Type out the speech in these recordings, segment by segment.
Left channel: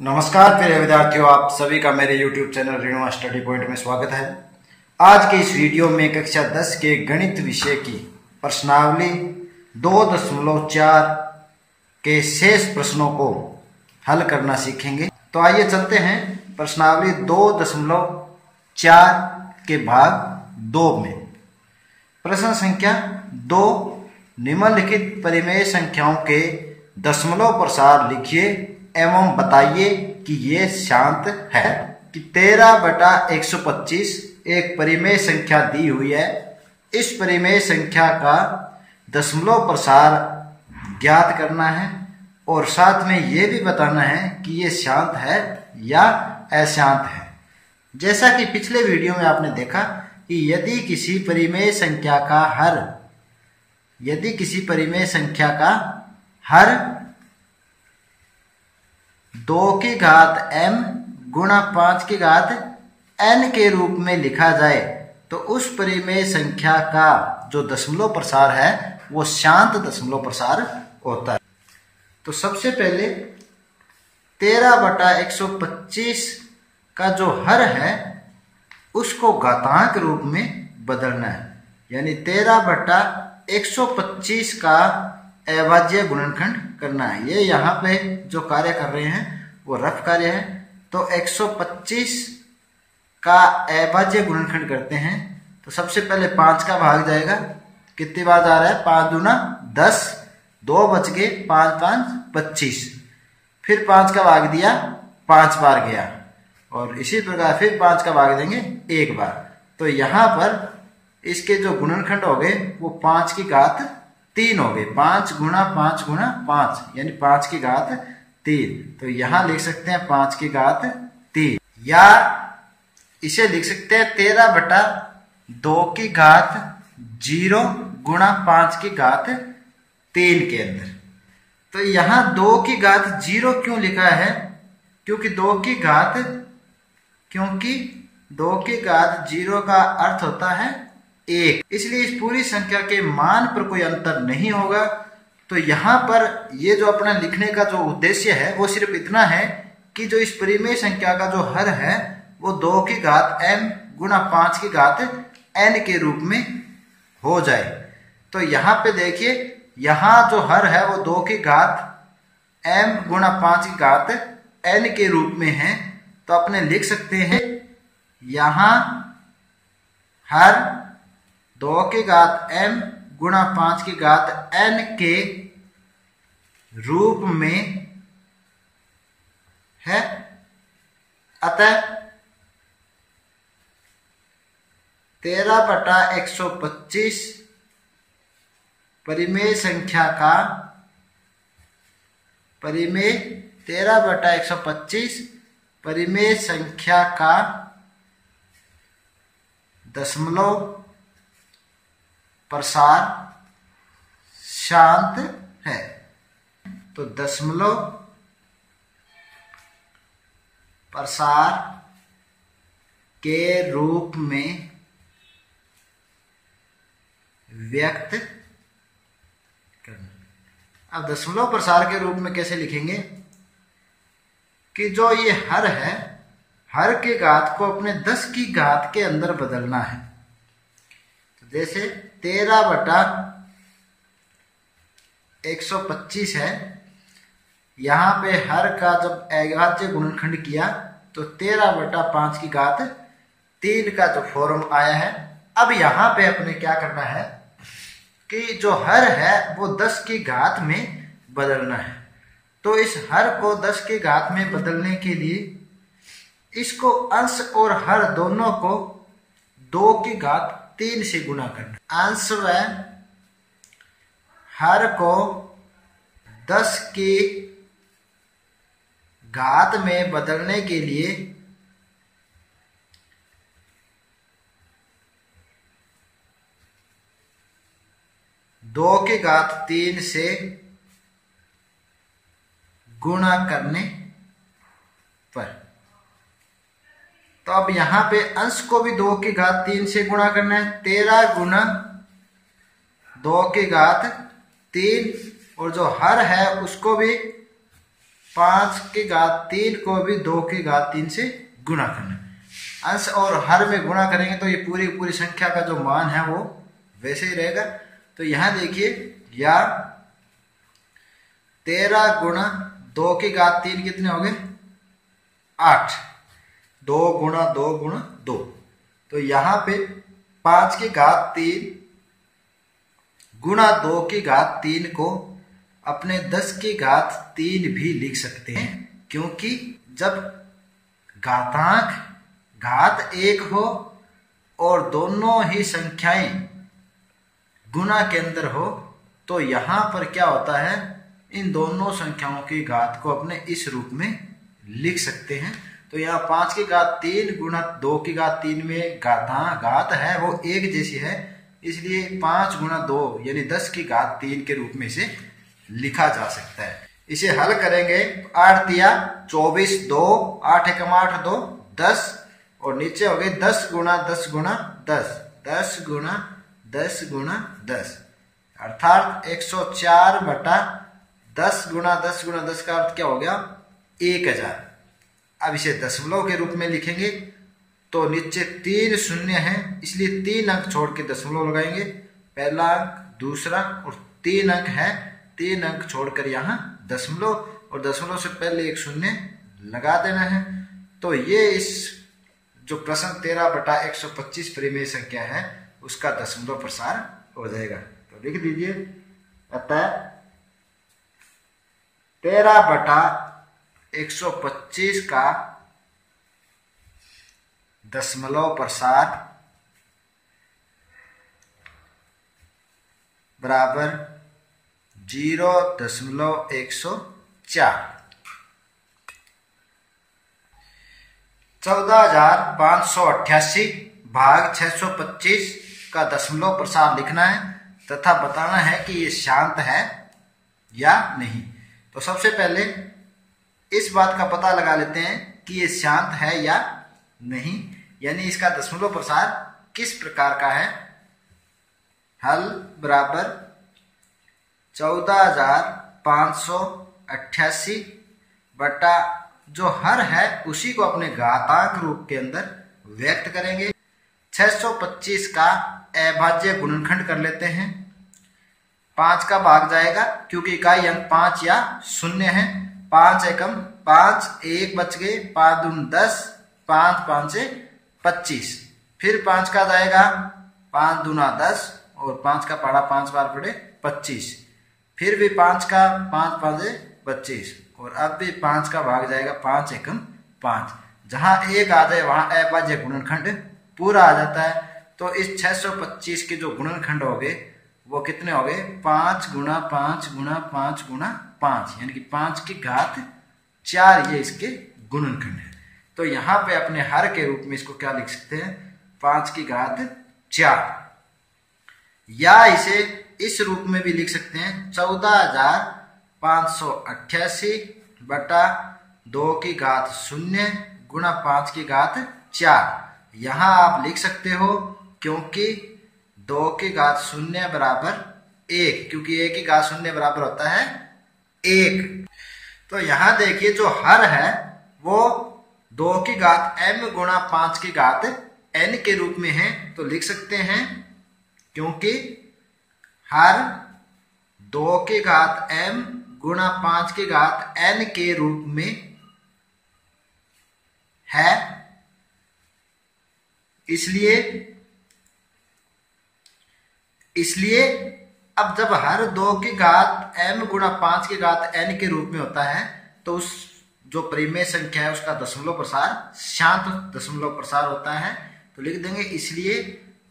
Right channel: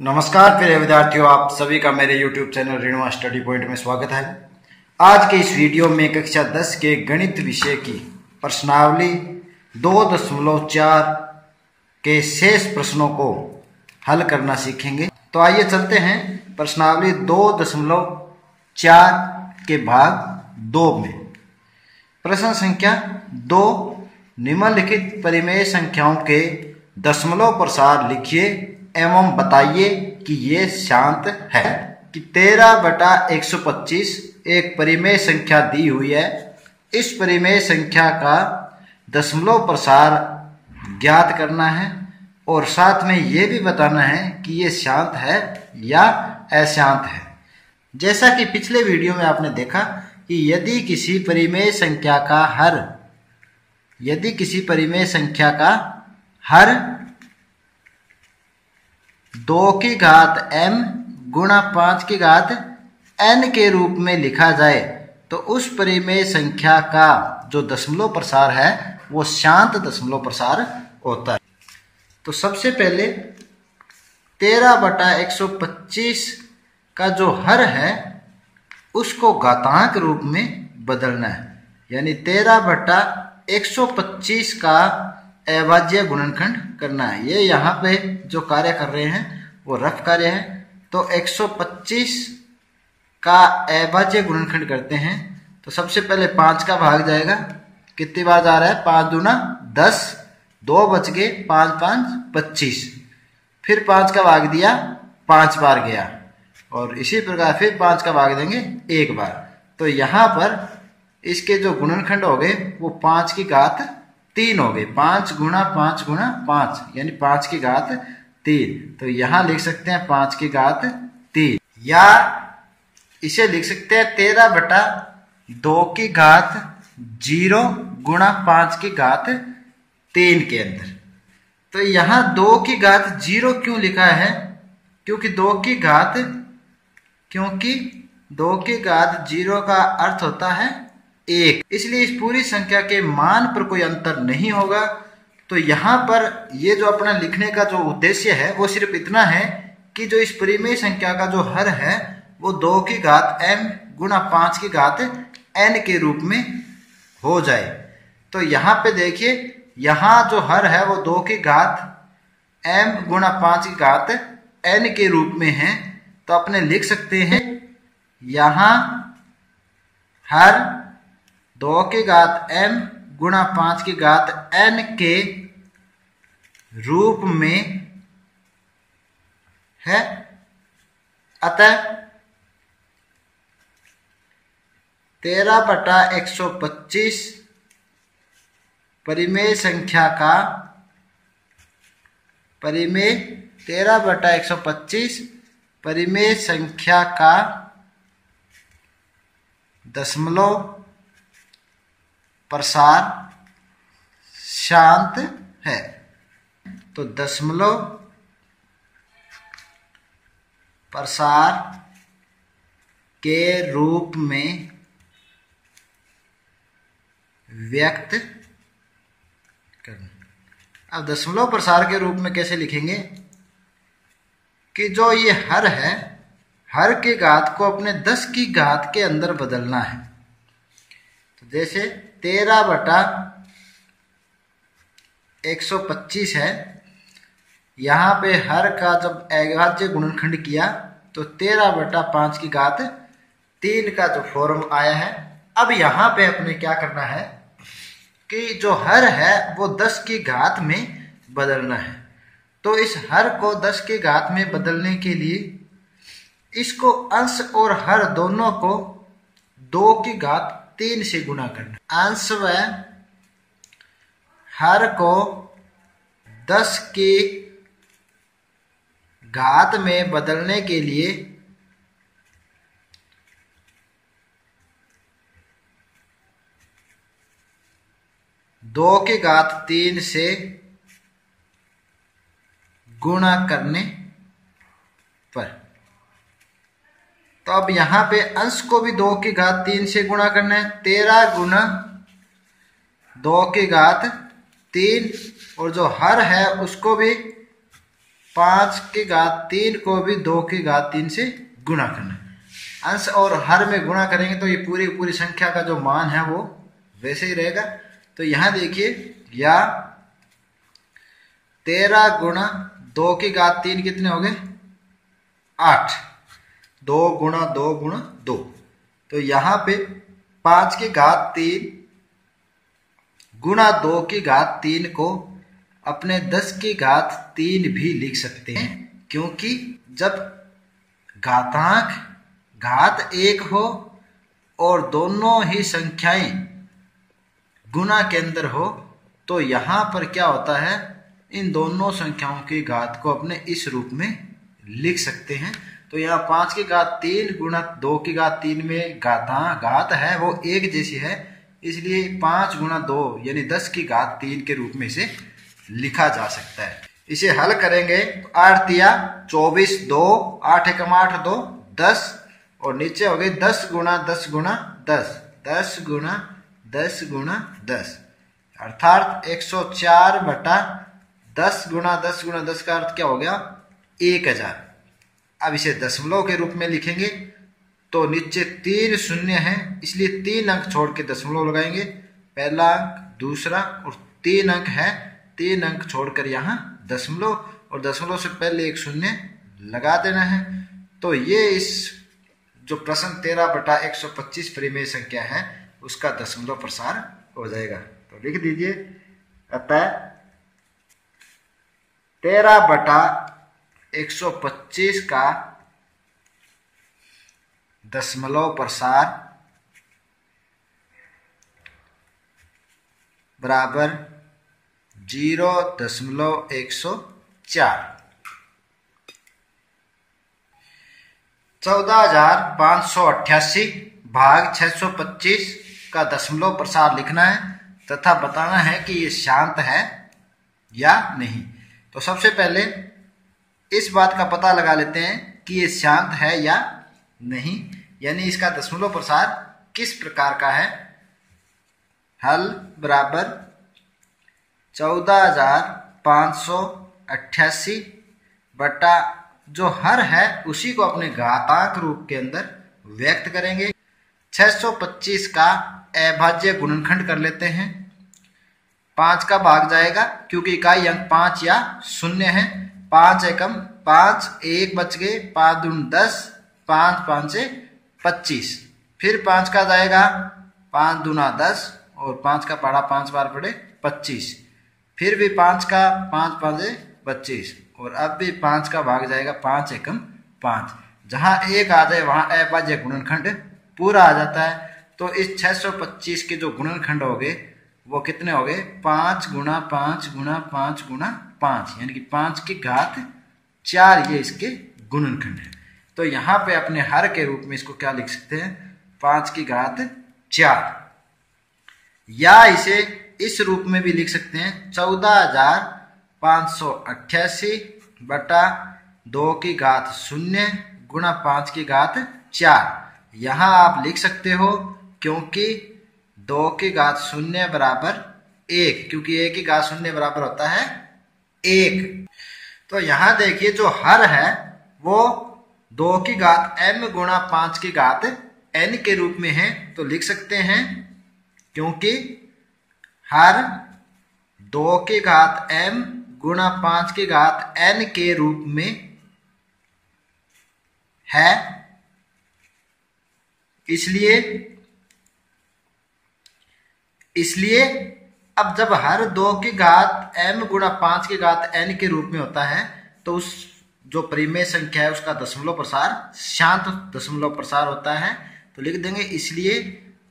नमस्कार प्रिय विद्यार्थियों, आप सभी का मेरे YouTube चैनल रेणुमा स्टडी पॉइंट में स्वागत है। आज के इस वीडियो में कक्षा 10 के गणित विषय की प्रश्नावली 2.4 के शेष प्रश्नों को हल करना सीखेंगे। तो आइए चलते हैं प्रश्नावली 2.4 के भाग 2 में। प्रश्न संख्या 2, निम्नलिखित परिमेय संख्याओं के दशमलव प्रसार लिखिए एवं बताइए कि ये शांत है। कि 13/125 एक परिमेय संख्या दी हुई है। इस परिमेय संख्या का दशमलव प्रसार ज्ञात करना है और साथ में ये भी बताना है कि ये शांत है या अशांत है। जैसा कि पिछले वीडियो में आपने देखा कि यदि किसी परिमेय संख्या का हर 2 की घात m गुणा 5 की घात n के रूप में लिखा जाए तो उस परिमेय संख्या का जो दशमलव प्रसार है वो शांत दशमलव प्रसार होता है। तो सबसे पहले 13/125 का जो हर है उसको घातांक रूप में बदलना है, यानी 13/125 का अभाज्य गुणनखंड करना है। ये यहाँ पे जो कार्य कर रहे हैं वो रफ कार्य है। तो 125 का अभाज्य गुणनखंड करते हैं तो सबसे पहले 5 का भाग जाएगा। कितनी बार जा रहा है? 5 दूना 10, 2 बच गए, 5 5 25। फिर 5 का भाग दिया, 5 बार गया और इसी प्रकार फिर 5 का भाग देंगे 1 बार। तो यहाँ पर इसके जो गुणनखंड हो गए वो 5 की घात 3 हो गए। 5 गुणा 5 गुणा 5 यानी 5 की घात 3। तो यहां लिख सकते हैं 5 की घात 3, या इसे लिख सकते हैं 13/2 की घात 0 गुणा 5 की घात 3 के अंदर। तो यहां 2 की घात 0 क्यों लिखा है? क्योंकि 2 की घात 0 का अर्थ होता है 1, इसलिए इस पूरी संख्या के मान पर कोई अंतर नहीं होगा। तो यहाँ पर ये जो अपना लिखने का जो उद्देश्य है वो सिर्फ इतना है कि जो इस परिमेय संख्या का जो हर है वो 2 की घात m गुणा 5 की घात n के रूप में हो जाए। तो यहाँ पे देखिए, यहाँ जो हर है वो 2 की घात m गुणा 5 की घात n के रूप में है। तो अपने लिख सकते हैं यहाँ हर 2 की घात m गुणा 5 की घात n के रूप में है। अतः 13/125 परिमेय संख्या का दशमलव प्रसार शांत है। तो दशमलव प्रसार के रूप में व्यक्त करना। अब दशमलव प्रसार के रूप में कैसे लिखेंगे कि जो ये हर है, हर की घात को अपने 10 की घात के अंदर बदलना है। तो जैसे 13/125 है, यहां पे हर का जब अभाज्य गुणनखंड किया तो 13/5 की घात 3 का जो फॉर्म आया है। अब यहां पे अपने क्या करना है कि जो हर है वो 10 की घात में बदलना है। तो इस हर को 10 की घात में बदलने के लिए इसको अंश और हर दोनों को 2 की घात 3 से गुणा करना। अंश व हर को 10 की घात में बदलने के लिए दो की घात 3 से गुणा करने पर। तो अब यहां पे अंश को भी 2 की घात 3 से गुणा करना है। 13 गुना 2 की घात 3 और जो हर है उसको भी 5⁻³ को भी 2⁻³ से गुणा करना है। अंश और हर में गुणा करेंगे तो ये पूरी पूरी संख्या का जो मान है वो वैसे ही रहेगा। तो यहां देखिए, या 13 गुणा 2⁻³ कितने हो गए? 8। 2 गुणा 2 गुणा 2। तो यहां पे 5⁻³ गुणा 2⁻³ को अपने 10⁻³ भी लिख सकते हैं, क्योंकि जब घातांक घात 1 हो और दोनों ही संख्याएं गुणा के अंदर हो तो यहां पर क्या होता है, इन दोनों संख्याओं की घात को अपने इस रूप में लिख सकते हैं। तो यहाँ 5⁻³ गुणा 2⁻³ में घात है वो एक जैसी है, इसलिए 5 गुणा 2 यानी 10⁻³ के रूप में इसे लिखा जा सकता है। इसे हल करेंगे तो 8 तिया 24, 2 8 एकम 8 2 10, और नीचे हो गए 10 गुणा 10 गुणा 10, 10 गुणा 10 गुणा 10, अर्थात 104 बटा 10 गुणा 10 गुणा 10 का अर्थ क्या हो गया? 1000। अब इसे दशमलव के रूप में लिखेंगे तो नीचे 3 शून्य है, इसलिए 3 अंक छोड़ के दशमलव लगाएंगे। पहला अंक, दूसरा और 3 अंक है, 3 अंक छोड़कर यहाँ दशमलव, और दशमलव से पहले एक शून्य लगा देना है। तो ये इस जो प्रश्न 13/125 परिमेय संख्या है उसका दशमलव प्रसार हो जाएगा। तो लिख दीजिए, अतः 13/125 का दशमलव प्रसार बराबर 0.104। 14,588 भाग 625 का दशमलव प्रसार लिखना है तथा बताना है कि ये शांत है या नहीं। तो सबसे पहले इस बात का पता लगा लेते हैं कि ये शांत है या नहीं, यानी इसका दशमलव प्रसार किस प्रकार का है। हल बराबर 14,588 बटा जो हर है उसी को अपने घातांक रूप के अंदर व्यक्त करेंगे। 625 का अभाज्य गुणनखंड कर लेते हैं। 5 का भाग जाएगा क्योंकि इकाई अंक 5 या 0 है। 5 एकम 5, 1 बच गए, 5 दून 10, 5 5 से 25। फिर 5 का जाएगा, 5 दूना 10 और 5 का पढ़ा 5 बार पढ़े 25। फिर भी 5 का 5 5 से 25, और अब भी 5 का भाग जाएगा, 5 एकम 5। जहां 1 आ जाए वहां अभाज्य गुणनखंड पूरा आ जाता है। तो इस 625 के जो गुणनखंड हो गए वो कितने हो गए? 5 गुणा 5 गुणा 5 गुणा 5, यानी कि 5 की घात 4 ये इसके गुणनखंड है। तो यहाँ पे अपने हर के रूप में इसको क्या लिख सकते हैं? 5 की घात 4, या इसे इस रूप में भी लिख सकते हैं 14,588 बटा 2 की घात 0 गुणा 5 की घात 4। यहां आप लिख सकते हो क्योंकि 2 की घात 0 बराबर 1, क्योंकि 1 की घात 0 बराबर होता है 1। तो यहां देखिए जो हर है वो 2 की घात m गुणा 5 की घात n के रूप में है। तो लिख सकते हैं क्योंकि हर 2 की घात m गुणा 5 की घात n के रूप में है, इसलिए अब जब हर 2 की घात m गुणा 5 की घात n के रूप में होता है तो उस जो परिमेय संख्या है उसका दशमलव प्रसार शांत दशमलव प्रसार होता है। तो लिख देंगे इसलिए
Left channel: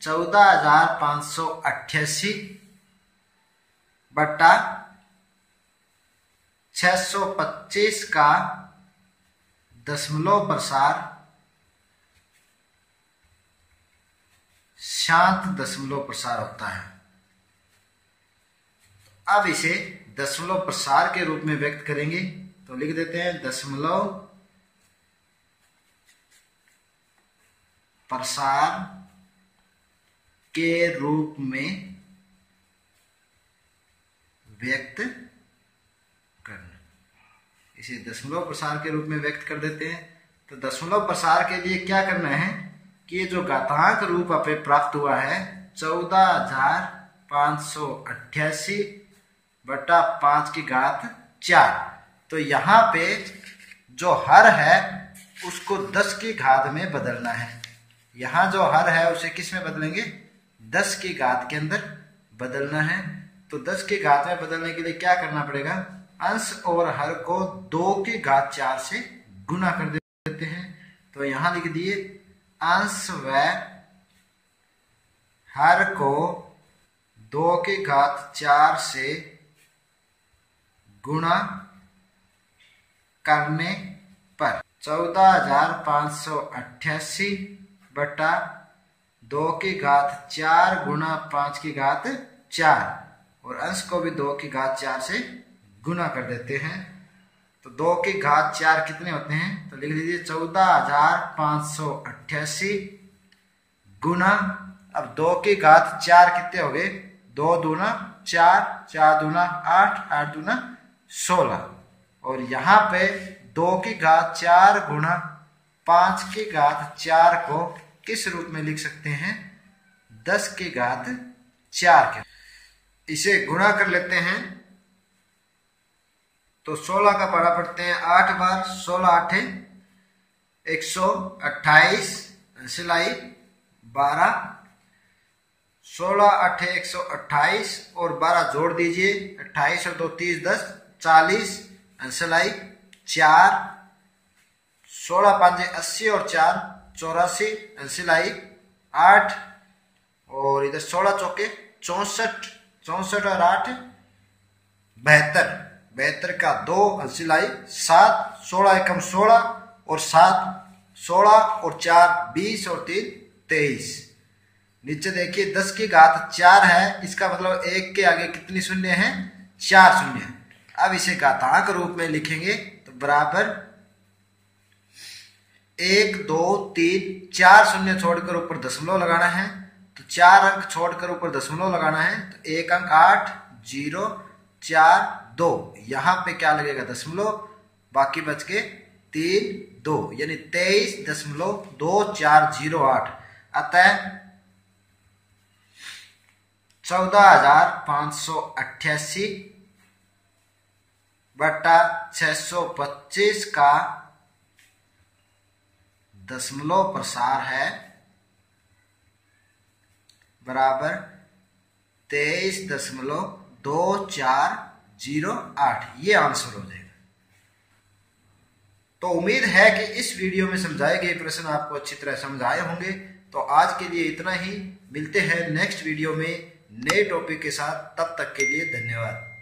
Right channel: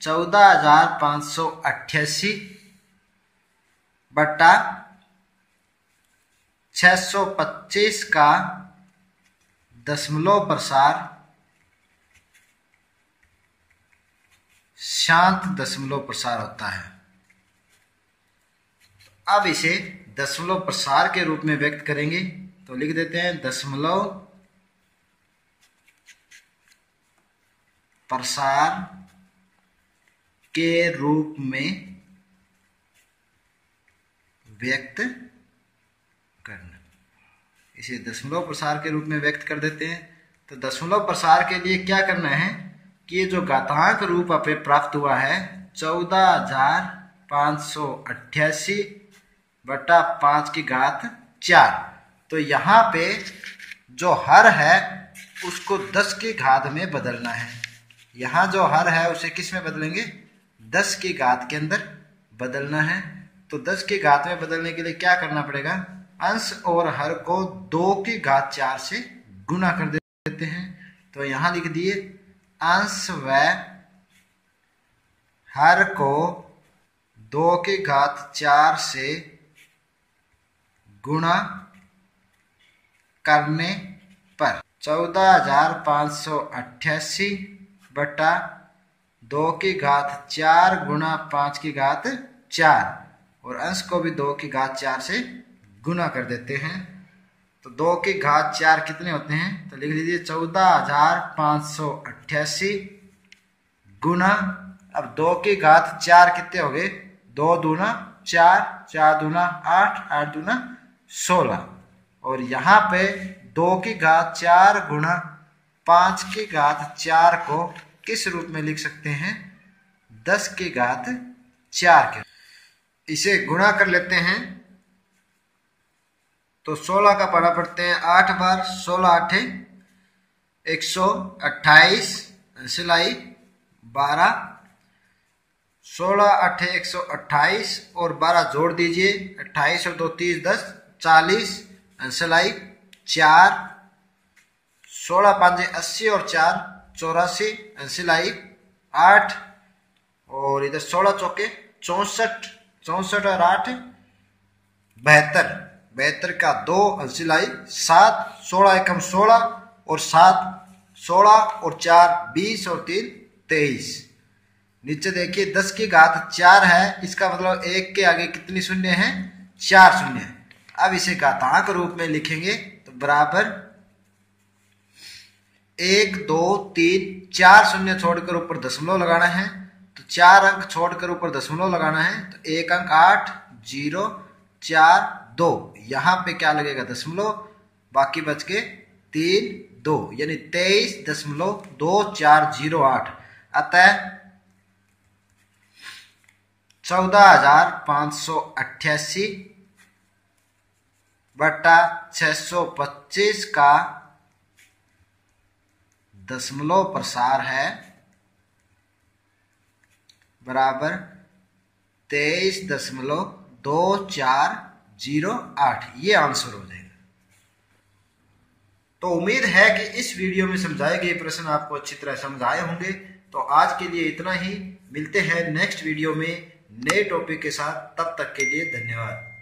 14,588 बटा 625 का दशमलव प्रसार शांत दशमलव प्रसार होता है। अब इसे दशमलव प्रसार के रूप में व्यक्त करेंगे तो लिख देते हैं दशमलव प्रसार के रूप में व्यक्त करना। इसे दशमलव प्रसार के रूप में व्यक्त कर देते हैं। तो दशमलव प्रसार के लिए क्या करना है कि ये जो घातांक रूप हमें प्राप्त हुआ है 14,588 बटा 5 की घात 4, तो यहाँ पे जो हर है उसको 10 की घात में बदलना है। यहाँ जो हर है उसे किस में बदलेंगे? 10 की घात के अंदर बदलना है। तो 10 की घात में बदलने के लिए क्या करना पड़ेगा? अंश और हर को 2 की घात 4 से गुना कर देते हैं। तो यहाँ लिख दिए अंश व हर को 2 की घात 4 से गुणा करने पर 14,588 बटा 2 की घात 4 गुणा 5 की घात 4, और अंश को भी 2 की घात 4 से गुना कर देते हैं। तो 2 की घात 4 कितने होते हैं? तो लिख लीजिए 14,588 गुना, अब 2 की घात 4 कितने हो गए? 2 दूना 4, 4 दूना 8, 8 दूना 16, और यहाँ पे 2 की घात 4 गुना 5 की घात 4 को किस रूप में लिख सकते हैं? 10 की घात 4 के। इसे गुणा कर लेते हैं तो 16 का पढ़ा पढ़ते हैं 8 बार, 16 8 128 सिलाई 12, 16 8 128 और 12 जोड़ दीजिए, 28 और 2 30 10 40 सिलाई 4, 16 5 80 और 4 84 सिलाई 8, और इधर 16 चौके 64, 64 और 8 72, 72 का 2 सिलाई 7, 16 एकम 16 और 7 16 और 4 20 और 3 23। नीचे देखिए 10 की घात 4 है, इसका मतलब 1 के आगे कितनी शून्य है? 4 शून्य है। अब इसे घातांक रूप में लिखेंगे तो बराबर 1 2 3 4 शून्य छोड़कर ऊपर दशमलव लगाना है, तो 4 अंक छोड़कर ऊपर दशमलव लगाना है, तो 1 अंक 8 0 4 2, यहाँ पे क्या लगेगा? दशमलव, बाकी बच के 3 2, यानी 23.2408। अतः 14,588 बटा 625 का दशमलव प्रसार है बराबर 23.2408। ये आंसर हो जाएगा। तो उम्मीद है कि इस वीडियो में समझाए गए प्रश्न आपको अच्छी तरह समझ आए होंगे। तो आज के लिए इतना ही, मिलते हैं नेक्स्ट वीडियो में नए टॉपिक के साथ। तब तक के लिए धन्यवाद।